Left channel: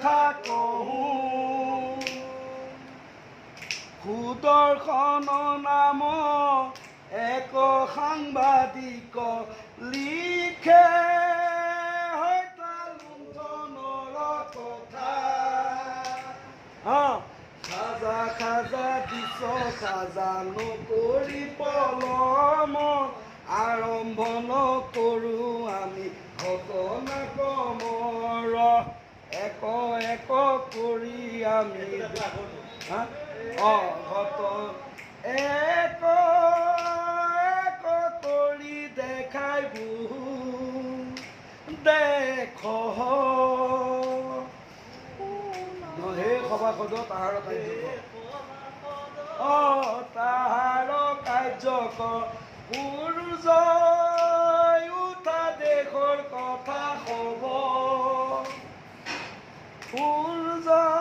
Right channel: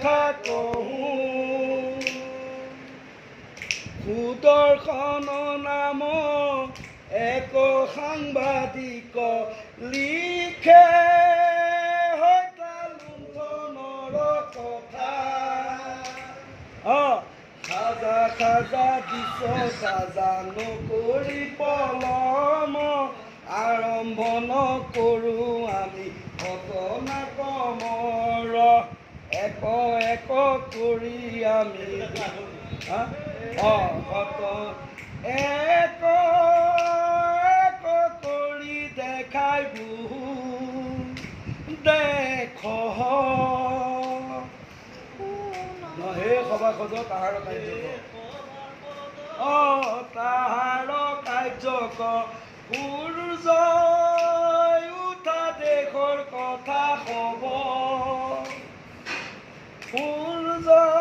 কথা কহোঁ সুদৰ্শন নাম এক সাংবাদিক লিখে হত্যা লুণ্ঠনৰ কথা খাজা খাজা দিছ খাজা নকৰি পলম আৰম্ভ নকৰোঁ আমি ঘটনা ক্ৰমৰ এক এক কৰি আমি এক এক কৰি দেখাই বহু দেখ সেই সভাসদ তাহাৰ কাৰ্যক সূৰ্য উঠা দেশৰ কথা হ'ব সূৰ্য